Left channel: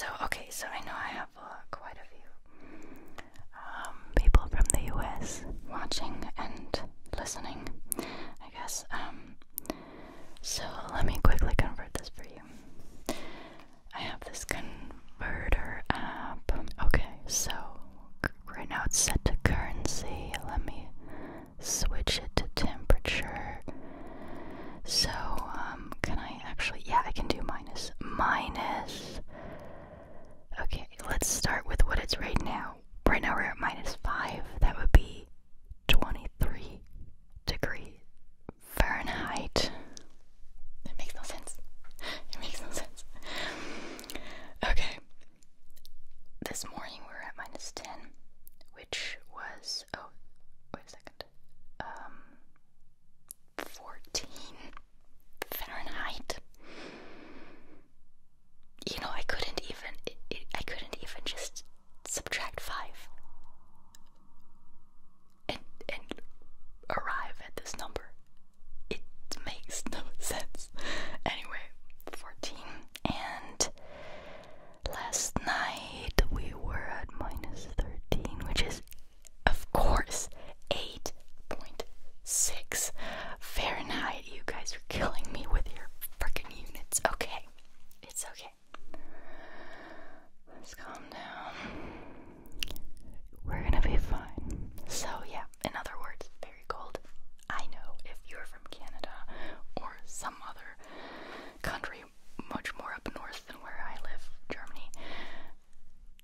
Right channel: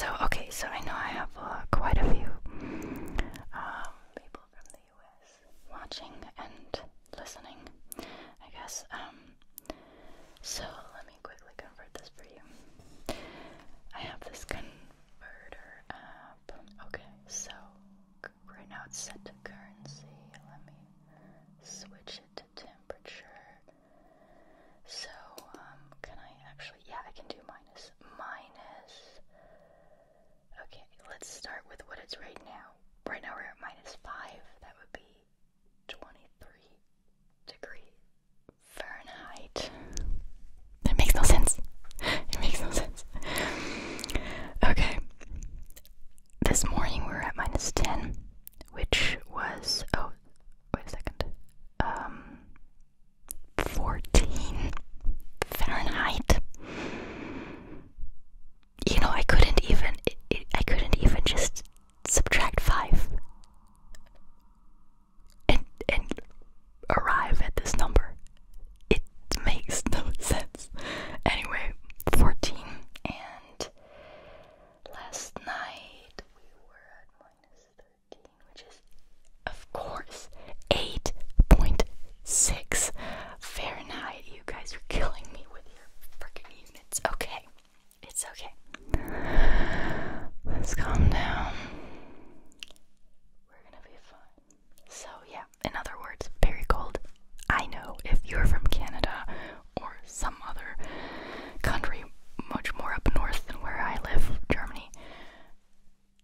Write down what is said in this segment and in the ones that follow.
So I know I have quite a few people from the US watching and listening, I guess. So let me quickly convert this for you. I have this converter app. Okay, so right now it's set to currency. Let me switch it to temperature. So, can I actually, yeah, I can do minus. Okay, let's start with what it's right now. Right now we're at -5. That would be 23 degrees Fahrenheit. It makes no sense. It makes no sense. Okay. This morning we were at -10, which was, oh, wait a second. 14 Fahrenheit. You know, I couldn't even just subtract 5 and arrive at this number. It makes no sense. Anyway, 14, and last night we were at -13, which is, of course, 8.6 Fahrenheit. You guys are killing me with your freaking units. Okay, it's okay. Let's calm down. We're gonna be fine. So yeah, in other words, very cold. I know if you're from Canada or some other country much more up north than where I live, Germany,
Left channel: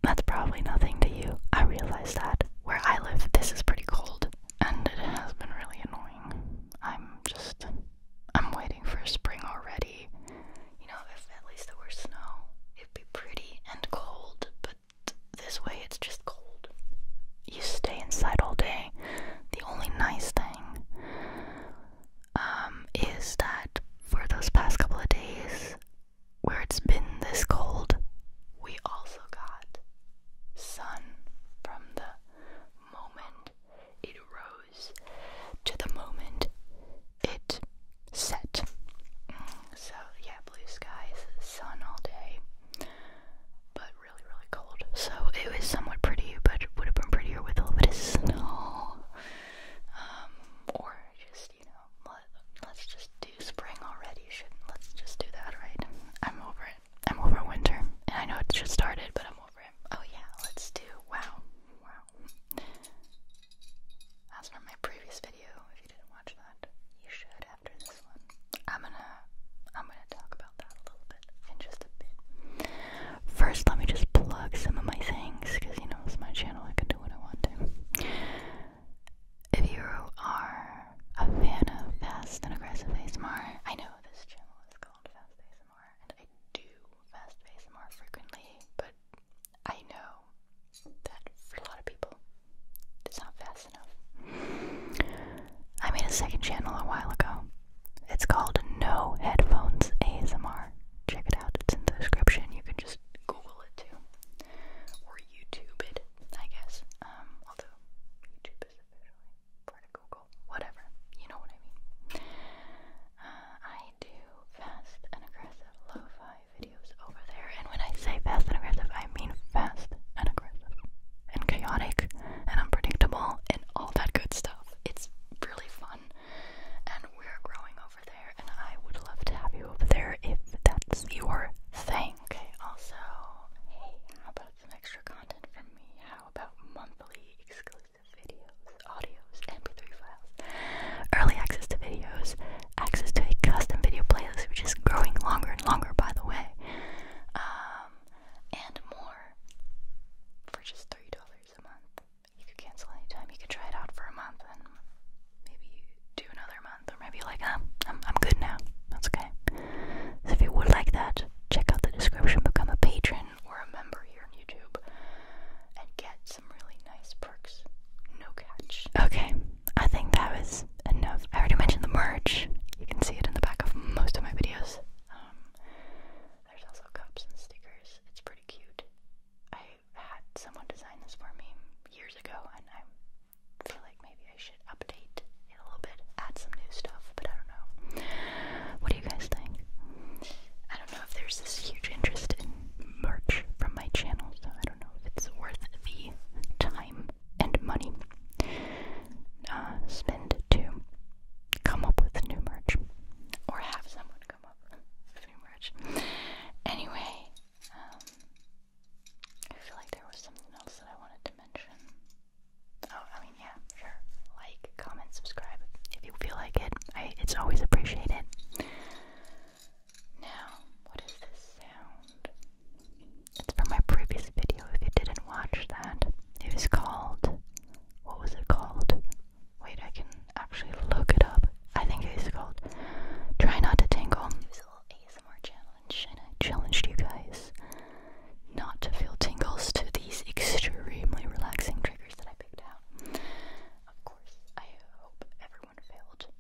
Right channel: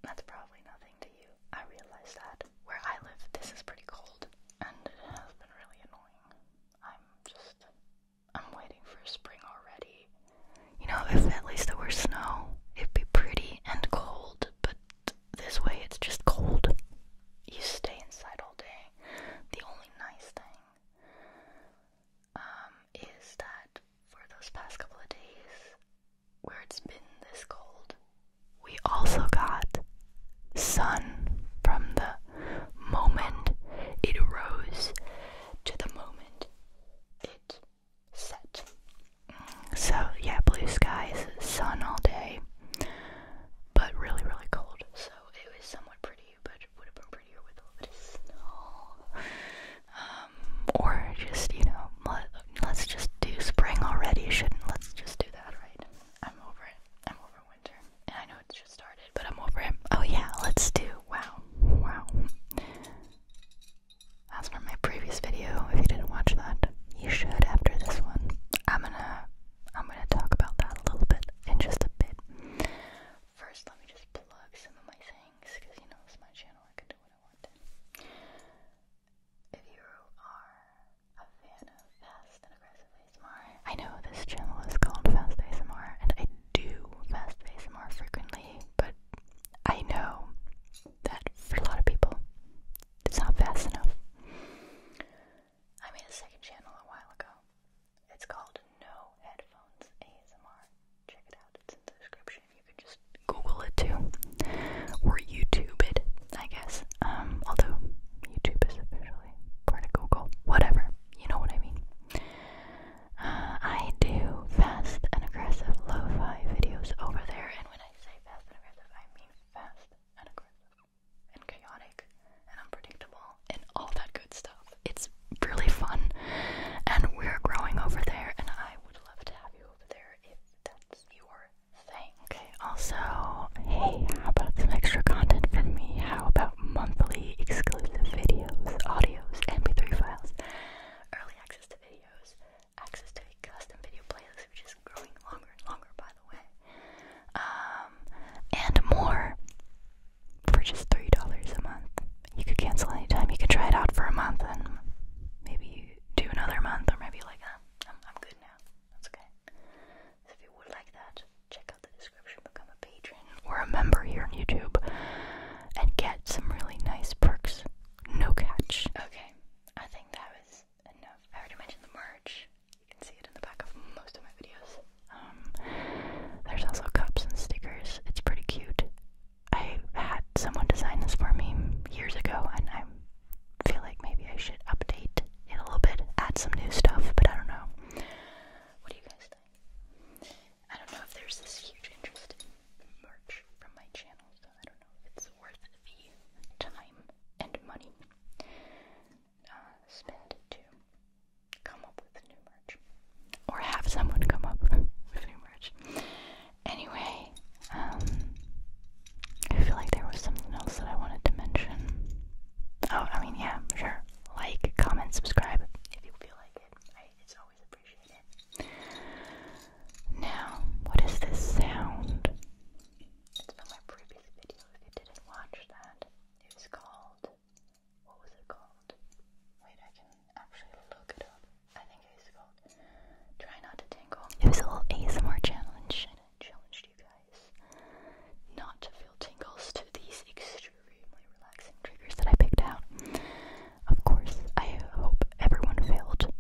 that's probably nothing to you. I realize that. Where I live, this is pretty cold, and it has been really annoying. I'm waiting for spring already. You know, if at least there were snow, it'd be pretty and cold, but this way it's just cold. You stay inside all day. The only nice thing is that for those past couple of days where it's been this cold, we also got sun from the moment it rose to the moment it set. So yeah, blue skies, sun all day, but really, really cold. So it was somewhat pretty, but it would have been prettier with a little bit of snow. Or just, you know, let's just do spring already. Let's just do that, right? I'm over it. I'm over winter. And I know it's just started, but I'm over it. Oh yeah, let's do, wow. As for my previous video, if you didn't watch that, you should after this one. I'm gonna talk about that a little bit in just a bit. First, let me just plug some of my things, because you know it's my channel, I can do what I want to. If you are a fan of fast and aggressive ASMR, I know this channel is called fastASMR, and I do fast ASMR frequently, but I know that for a lot of people, it's not fast enough. I made a second channel a while ago. It's called No Headphones ASMR. Check it out, it's in the description. You can just Google it too, or YouTube it, I guess. Although YouTube is officially part of Google. Whatever, you know what I mean. I do fast and aggressive lo-fi videos over there, and when I say fast and aggressive, I mean fast and aggressive, and chaotic, and unpredictable, and all that good stuff. It's really fun, and we're growing over there, and I would love to have you over there if that's your thing. Okay, also, hey, how about some extra content from me? How about monthly exclusive videos, audios, MP3 files, early access to videos, access to a custom video playlist, which is growing longer and longer, by the way, and more for just $3 a month. You could cancel anytime. You could try it out for a month and maybe do another month, or maybe like, I'm good now. That's okay. So if you would like that, check out the description, become a patron or a member here on YouTube, and get some really nice perks. No catch. Okay, I think that was enough. I already mentioned the merch. You can see it in the back of most of my videos. There's also cups and stickers. It's pretty cute. I had someone design this for me years ago, and I feel like maybe I should update it a little bit, add some new stuff, but I don't know. What do you guys think? I don't know if there's this huge interest in merch from challenged you guys not to feel tingles to these extremely relaxing triggers that I picked out. Of course, I hope everyone failed.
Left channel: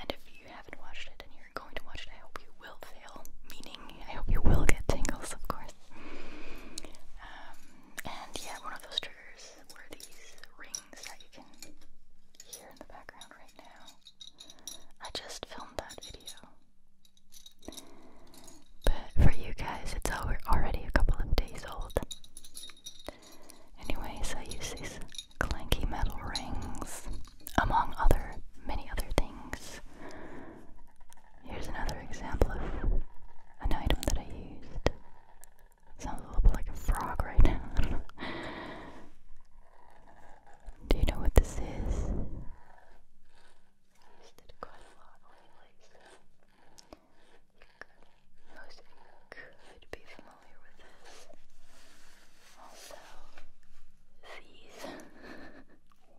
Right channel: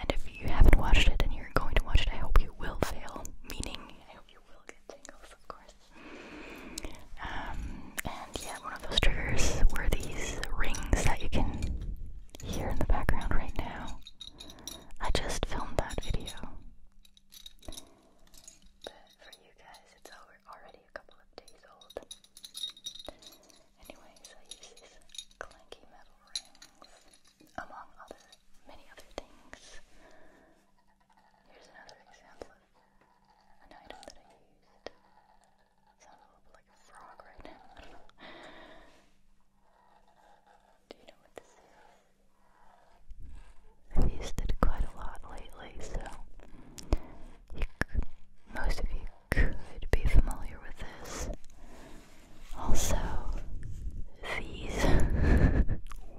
And if you haven't watched it and you're going to watch it, I hope you will fail. Meaning, I hope you will get tingles, of course. And yeah, one of those triggers were these rings that you can hear in the background right now. I just filmed that video. But for you guys, it's already a couple of days old. Anyways, I use these clanky metal rings, among many other things. Here's another example of an item that I used. Sounds a little bit like a frog right now. I don't know. Do you know what this is? I've used it quite a lot lately, so most of you could be familiar with this. Also, these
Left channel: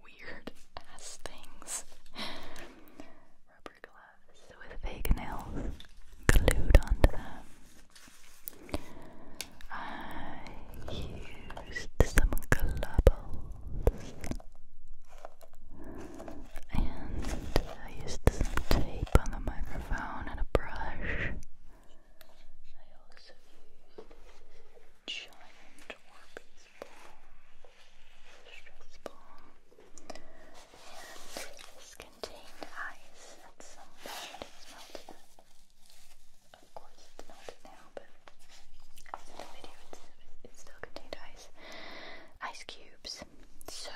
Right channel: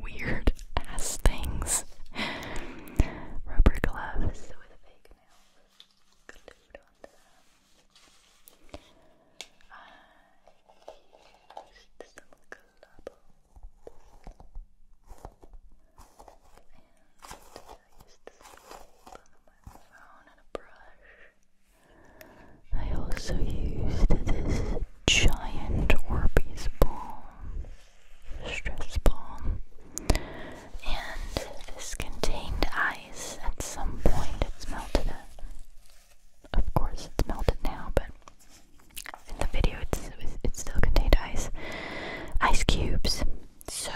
weird ass things. Rubber gloves with fake nails glued onto them. I used some globbles. And I used some tape on the microphone and a brush. I also used this giant Orbeez ball, stress ball, and this contained ice. At some point it's melted. Of course it's melted now, but in the video it still contained ice cubes. So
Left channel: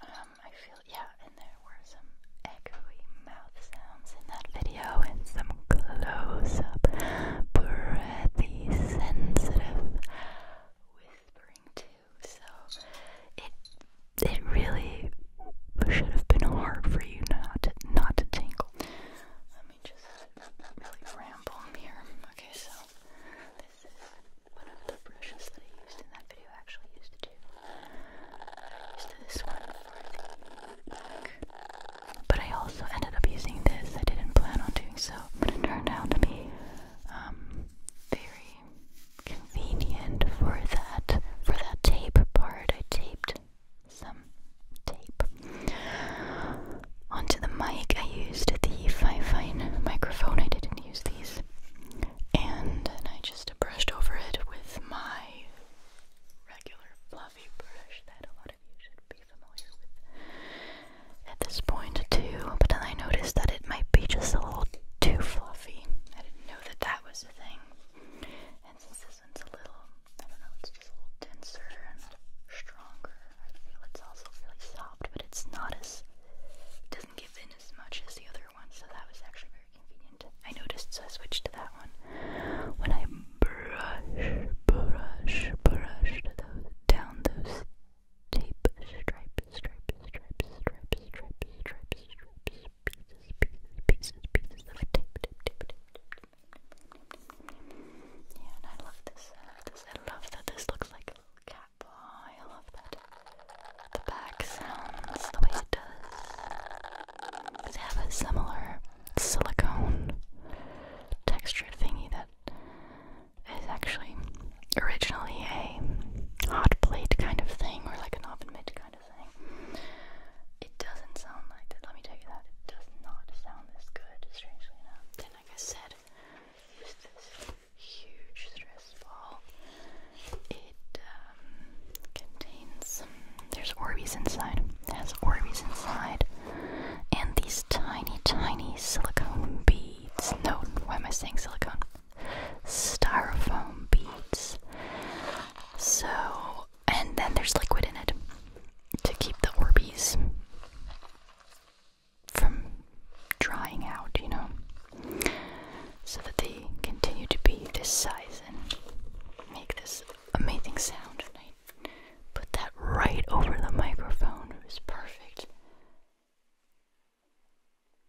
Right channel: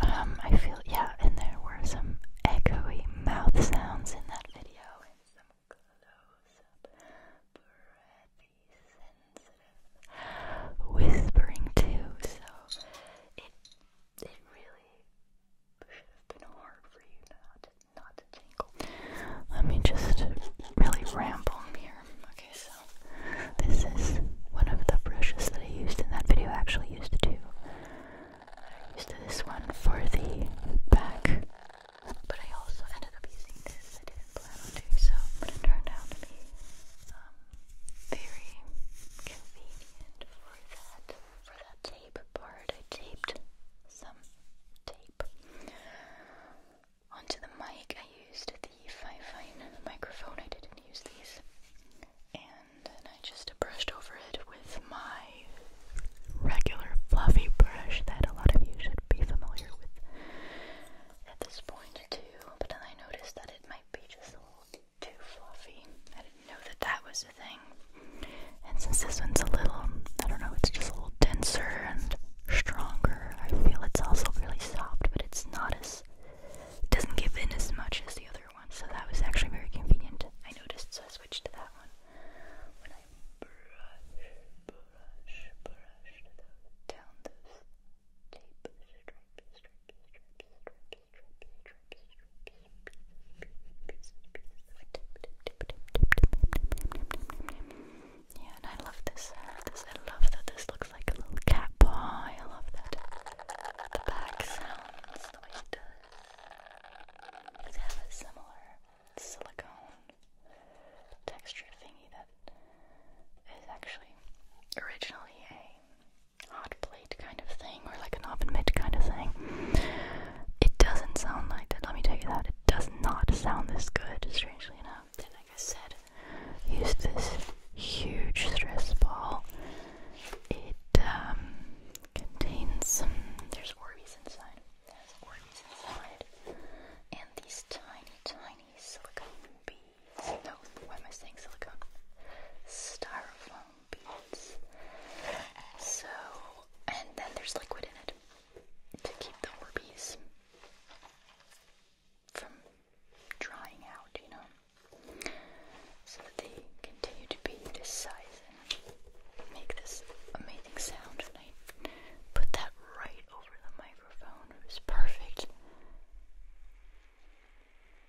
I feel, yeah, and there were some echoey mouth sounds in that video and some close-up, breathy, sensitive whispering too. So it really should have been hard for you not to tingle. Let me just really ramble here. Okay, so this is one of the brushes that I used in that video. I actually used two. I used this one for the back, but I also ended up using this. I didn't plan on doing so, but it turned out to be very convenient for that tape part. I taped some tape onto the mic. I used the fine microphone. I didn't use these, and I just brushed over it with my regular fluffy brush that a lot of you should be familiar with at this point too. But then I noticed that it might be just a little too fluffy. I didn't know that was a thing. And since this one's a little, I don't know, it's just a little denser and stronger. I feel it's also really soft, but it's not as, it doesn't give in as much as the other one. So that was actually very convenient. I noticed, so I switched to that one. When I brushed down those tape pieces of tape. Yeah, and I love this. I love that this looks like a little cat paw. I love that. The back sounds the way it does. They have a similar silicone texture thingy that is actually originally a hot plate kind of thing, or like an oven mitt kind of thing. It doesn't sound like that, let me tell you that. It does not sound this good, strangely enough. Then, like I said, use this huge stress ball. It contains some, there's Orbeez inside. It has Orbeez inside. And these tiny silicone beads. No, why am I saying silicone? Styrofoam beads. So, and then there's liquid in it to keep the Orbeez from drying out, you know, so that they continue to be this size and make this amazing sound. And I put that right over the microphone. It was perfect.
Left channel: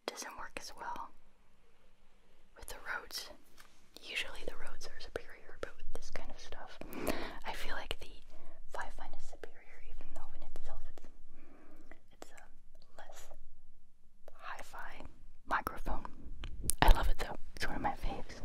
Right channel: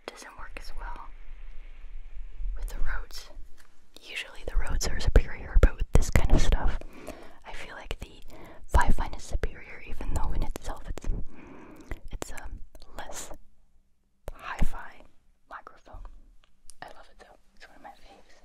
Doesn't work as well with the Rhodes. Usually the Rhodes are superior, but with this kind of stuff, I feel like the 5-fine is superior, even though in itself it's a less hi-fi microphone. I love it though. It's one of my faves.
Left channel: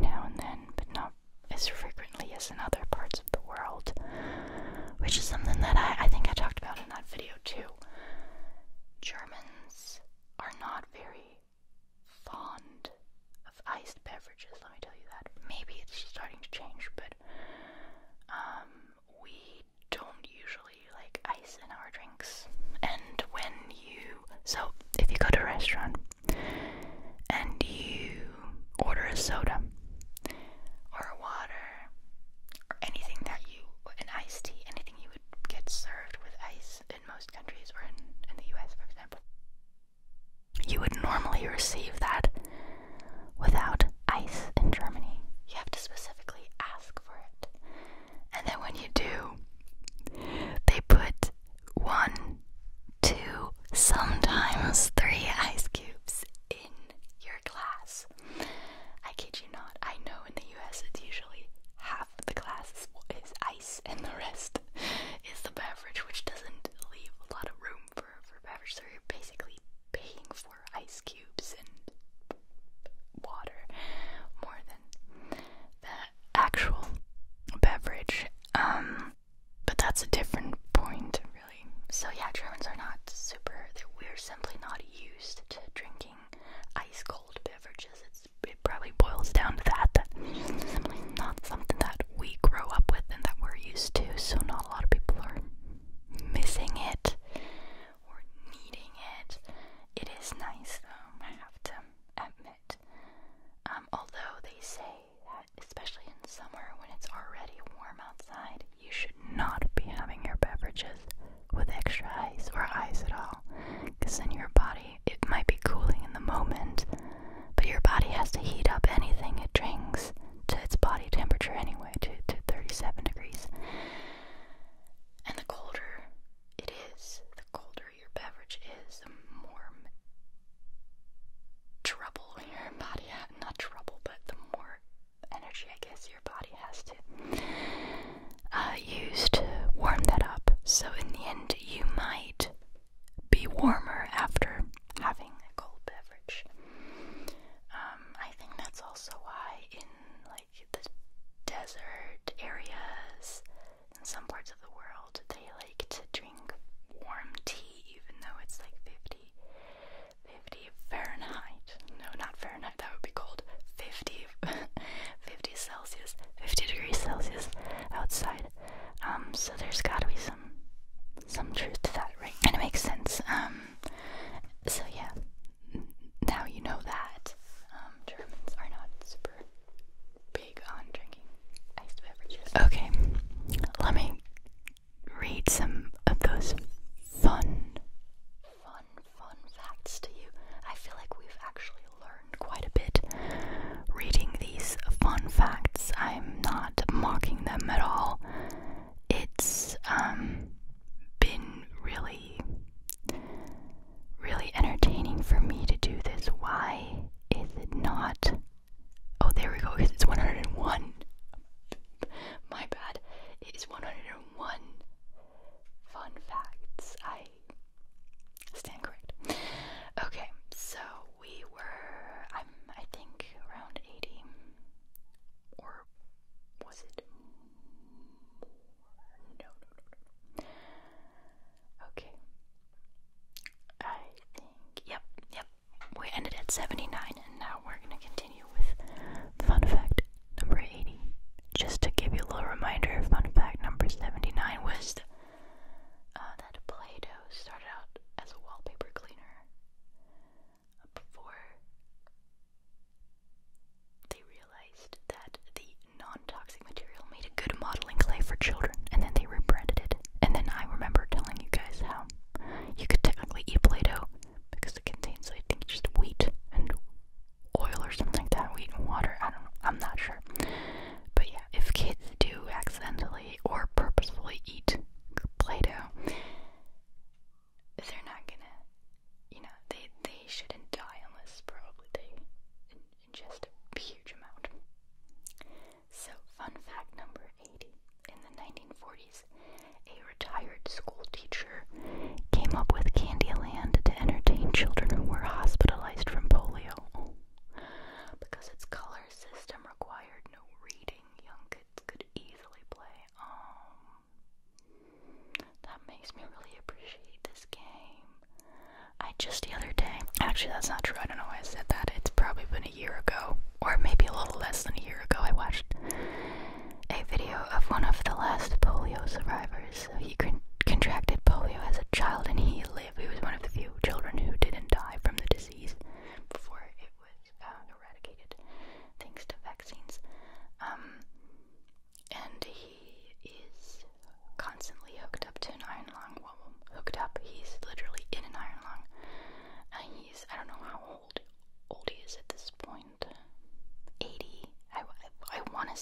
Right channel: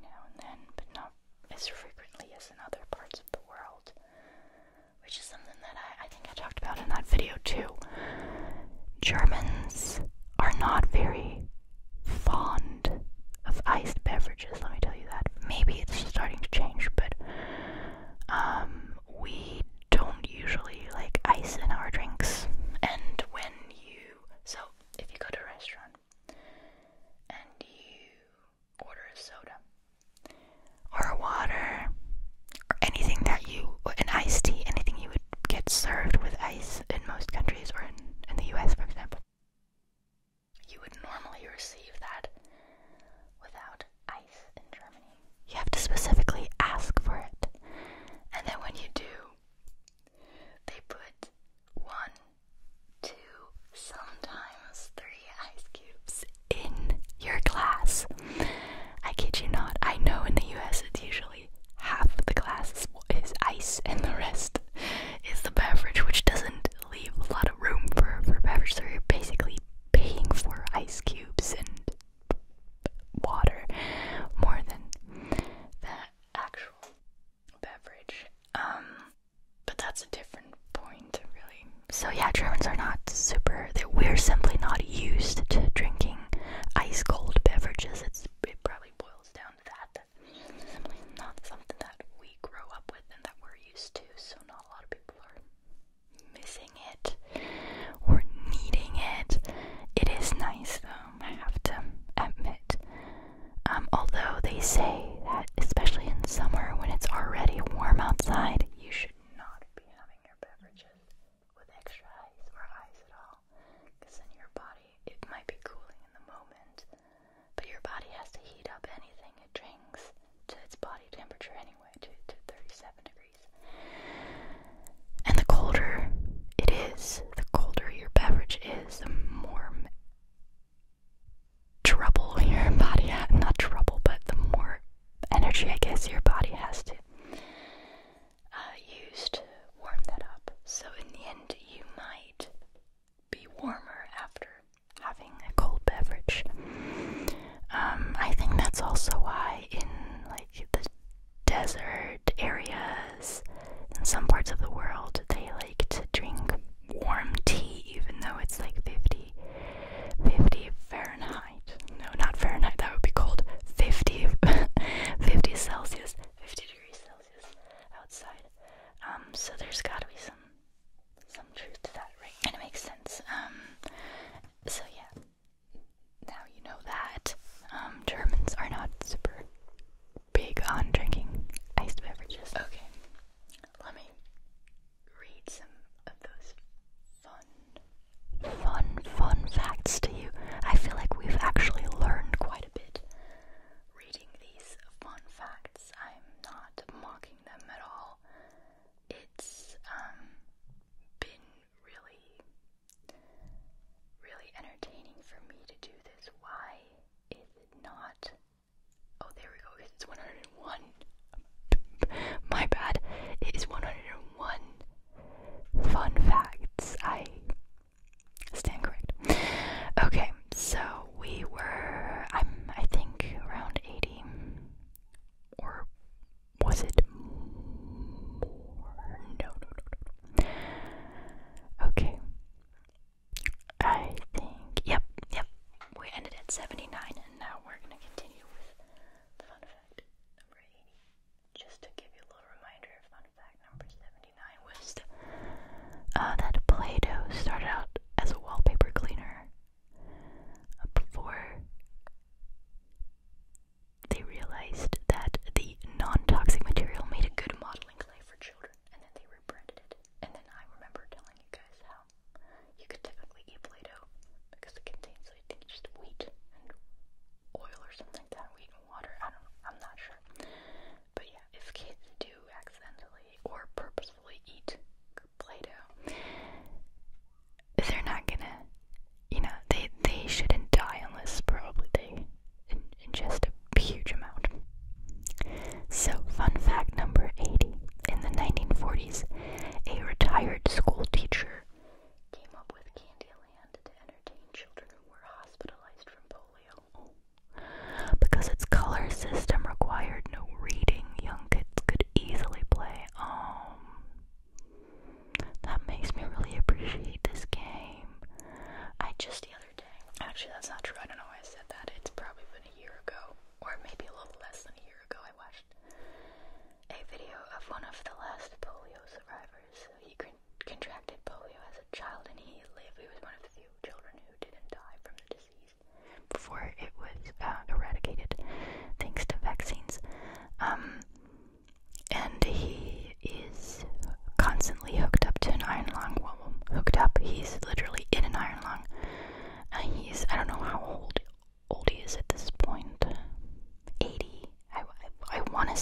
now and then, but not as frequently as in other parts of the world, which is something that I think I talked about in that video too. Germans are not very fond of iced beverages, let me tell you that. Maybe it's starting to change, but we don't usually like ice in our drinks. And so if you go to a restaurant and you order a soda or a water or anything an iced tea, anything you would get served with ice in most countries, or in the US, for example, you would normally receive that without ice in Germany. You have to specifically ask for it. And then when you do, they put 1, 2, sometimes 3 ice cubes in your glass. I kid you not. I know in the US it's usually half of the glass is ice and the rest is the beverage, which doesn't leave a lot of room for beverage. So you're basically paying for ice cubes and water more than the actual beverage. But that's a different point, really. So yeah, Germans are not we're simply not used to drinking ice cold beverages. It probably boils down to that it's simply not something that we grow up with and that we're used to, so not a lot of people are missing it or needing it. It is nice though, I have to admit. Although they say that, especially in summer when it's already warm outside, you should not be having your beverages with extra ice or ice at all, because then your body, it might be cooling in the moment, but your body has to heat up anything it drinks to its body temperature anyway, to 37 degrees. And the colder it is, the colder your beverage is, the more trouble your body has, not trouble, but the more energy, I guess, your body has to use to warm that up. So in the end, you might be warmer after having a cold beverage. I think that's also why in like the desert areas in some parts of the world, they like to drink warm tea even though it's like 50 Fahrenheit. No, not Fahrenheit, that would be cold. 50 Celsius, 50 degrees Celsius outside. So there's gotta be some truth to that, right? And it makes sense. So yeah, now you know that. Germans are not super big on drinking iced beverages. Okay, let me read some of those fun facts to you. I feel like we've actually learned quite a bit reading these fun facts. I'm not mocking them at all. It's been really entertaining for me to do this. Why is it not? Oh, there we go. It's 101. My bad. It is 101 fun facts. I stand correct. Okay, so I think around 80, or was it more? No. Okay. I think, yep. We ended at 79, and now we're gonna continue with fun fact number 80. Just to give you a little reminder, fun fact number 79 was that Play-Doh started out as a wallpaper cleaner before they realized that the non-toxic material made a good modeling clay for children, and then they rebranded it. And then I remember telling you guys how you could technically eat Play-Doh because it contains, I think, just wheat, and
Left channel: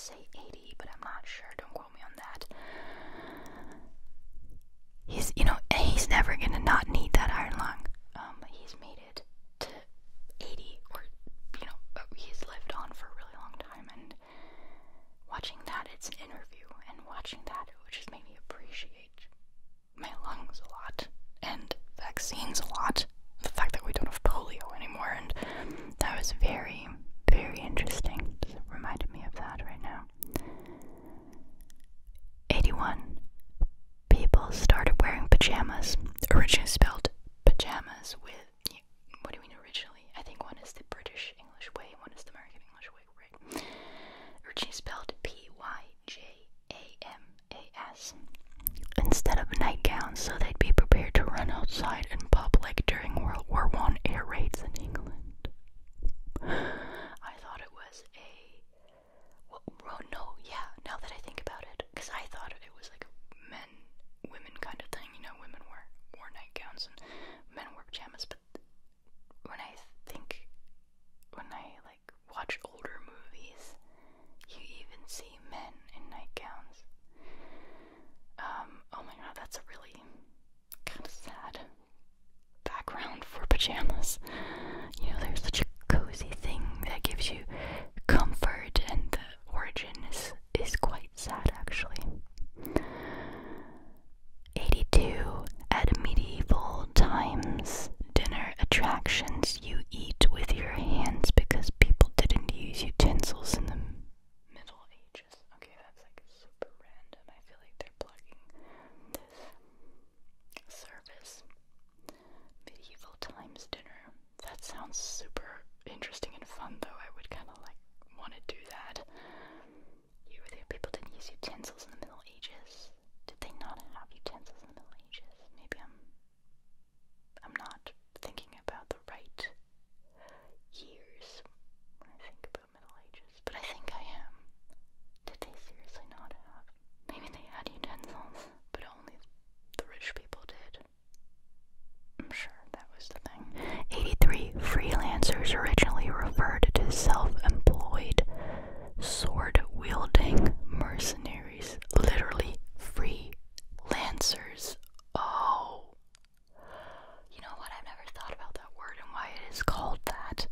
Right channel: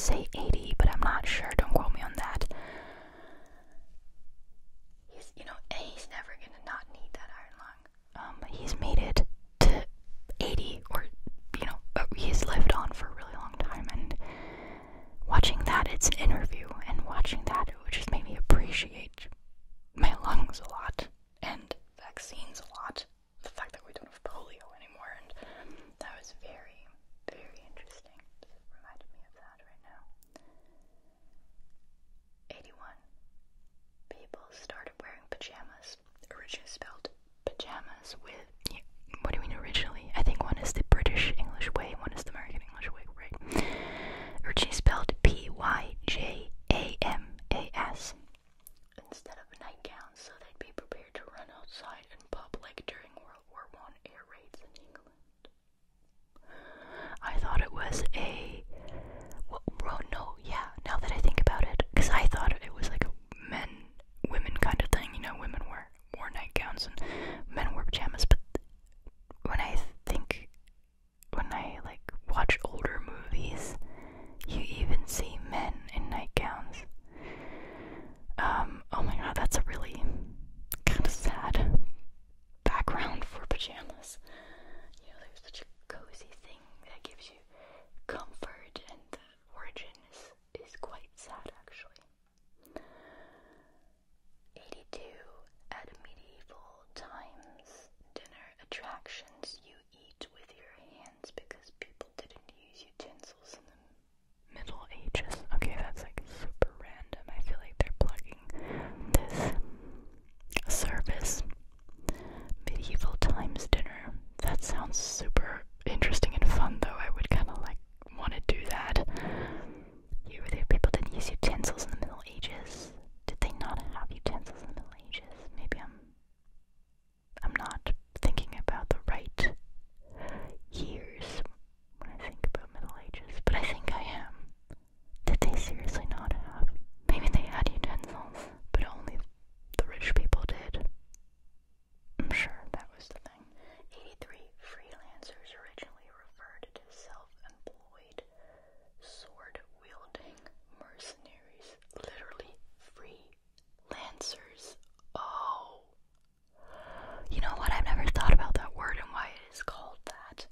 say 80, but I'm not sure. Don't quote me on that. He's, he's never gonna not need that iron lung. He's made it to 80, or, he's lived on for a really long time, and watching that, it's an interview, and watching that, it would just make me appreciate my lungs a lot, and vaccines a lot, the fact that we don't have polio anymore, and that was very, very interesting. It reminded me of that right now. 81. People started wearing pajamas, originally spelled pajamas with, what do you mean originally? I think one is the British English way, one is the American English way, right? Originally spelled Pyjamas, instead of nightgowns, so they'd be prepared to run outside in public during World War I air raids in England. I thought it was now that I think about it, because I thought it was like a women kind of thing, women wore nightgowns and men wore pajamas, but when I watch older movies, you even see men in nightgowns. Oh my god, that's a really kind of sad background for pajamas. They're such a cozy thing that gives you comfort, and the origin is quite sad, actually. 82. At medieval times, dinner attractions you eat with your hands because people didn't use utensils in the Middle Ages. Okay, that's like super random. I feel like they're plugging this service. Medieval times dinner. That sounds super interesting and fun, though. I would kind of want to do that. People didn't use utensils in the Middle Ages. Did they not have utensils in the Middle Ages? Maybe I'm not thinking about the right years when I think about Middle Ages, but I think I am. Did they seriously not have? Maybe they had utensils, but only the rich people did. I'm sure that was the thing. 83. Freelancers originally referred to self-employed, sword-wielding mercenaries. Literally, freelancers. Oh. You know what? I've never thought about that word and why it is called that.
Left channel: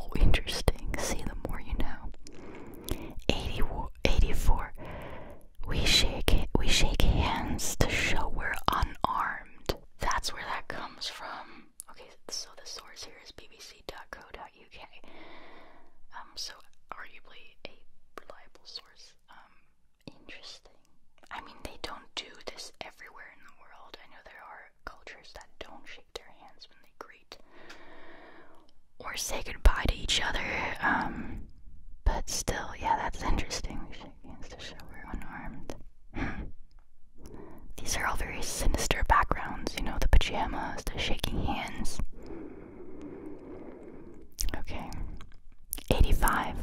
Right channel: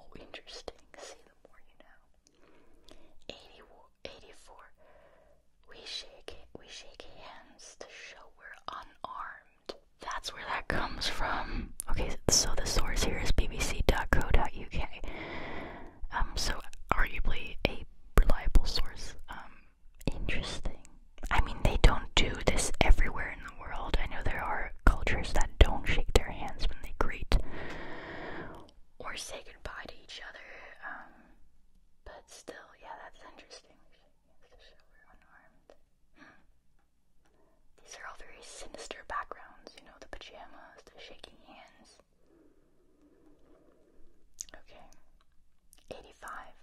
Oh, interesting. See, the more you know. 84. We shake hands to show we're unarmed. That's where that comes from. Okay, so the source here is bbc.co.uk. So arguably a reliable source. Interesting. I mean, they don't do this everywhere in the world. I know there are cultures that don't shake their hands when they greet or say goodbye to each other. But still, yeah, that's interesting. We shake hands to show we're unarmed. These are all very sinister backgrounds, the pajamas, the shaking hands. Okay. 85.